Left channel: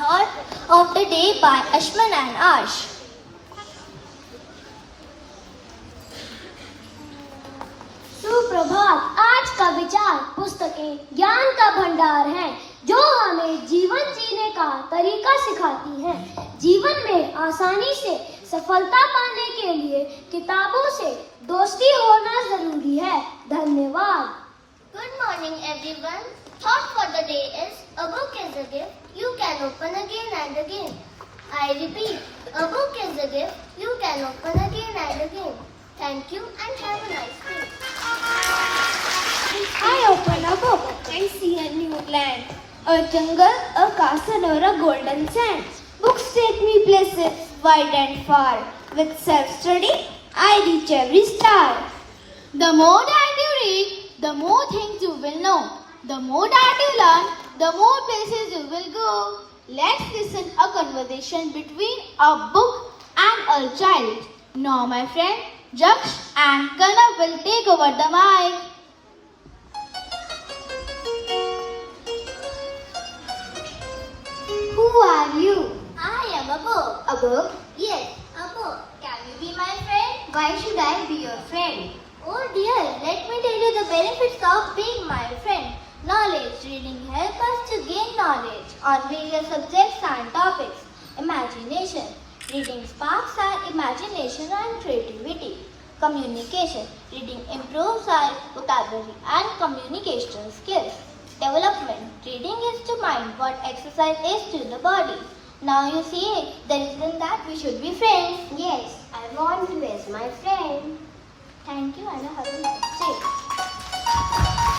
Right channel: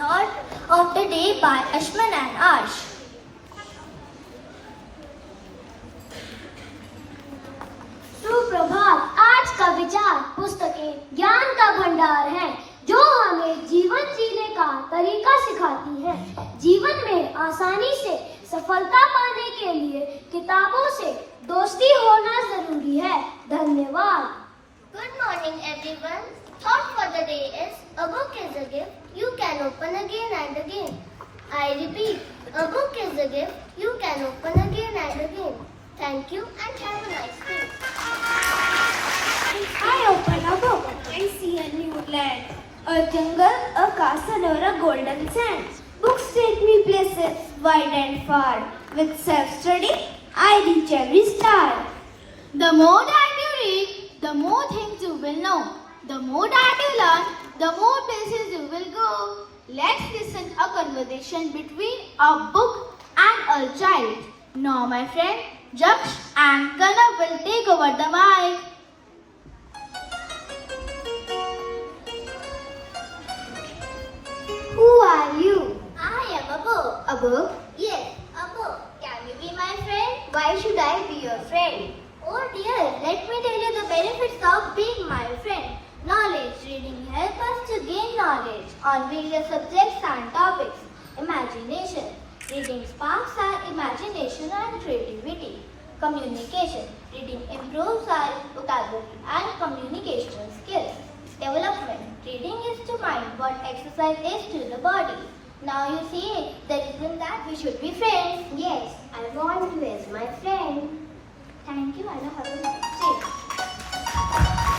thought of the day by Ashman and Ash. सुप्रभात। आज का विचार पुस्तकें ज्ञान का भंडार है जो हमें जीवन जीने का तरीका सिखाती है। जीवन में आसानी से सफलता पाने के लिए किताबों से दोस्ती होना जरूरी है। धन्यवाद। Good morning everyone. Thought for the day is a book is a gift you can open again and again. I repeat, a book is a gift you can open again and again. Thank you and have a nice day. I open a book and see a new land, a jungle, a castle or a golden sand. Books take me places wide and far. With self-study, I reach every star. The more that you read, the more things you will know. The more that you learn, the more places you will go. Let's listen a conversation between a book and a child. Now, my friend, Jaksh and Kanav will take over the mic. Who are you? I am a book. A book? Yes, a book. Can you be my friend? Why should I be your friend? Oh dear, let me tell you the benefits of being my friend. Knowledge. Reading helps us to gain knowledge on various subjects and topics. Imagination. Reading sparks our imagination and creativity. Communication. Reading improves our vocabulary and communication skills. Development. Reading is to mind what exercise is to the body. Now you see, the reason that we should be friends. Yes, I want you as my friend. Thank you and have a nice day.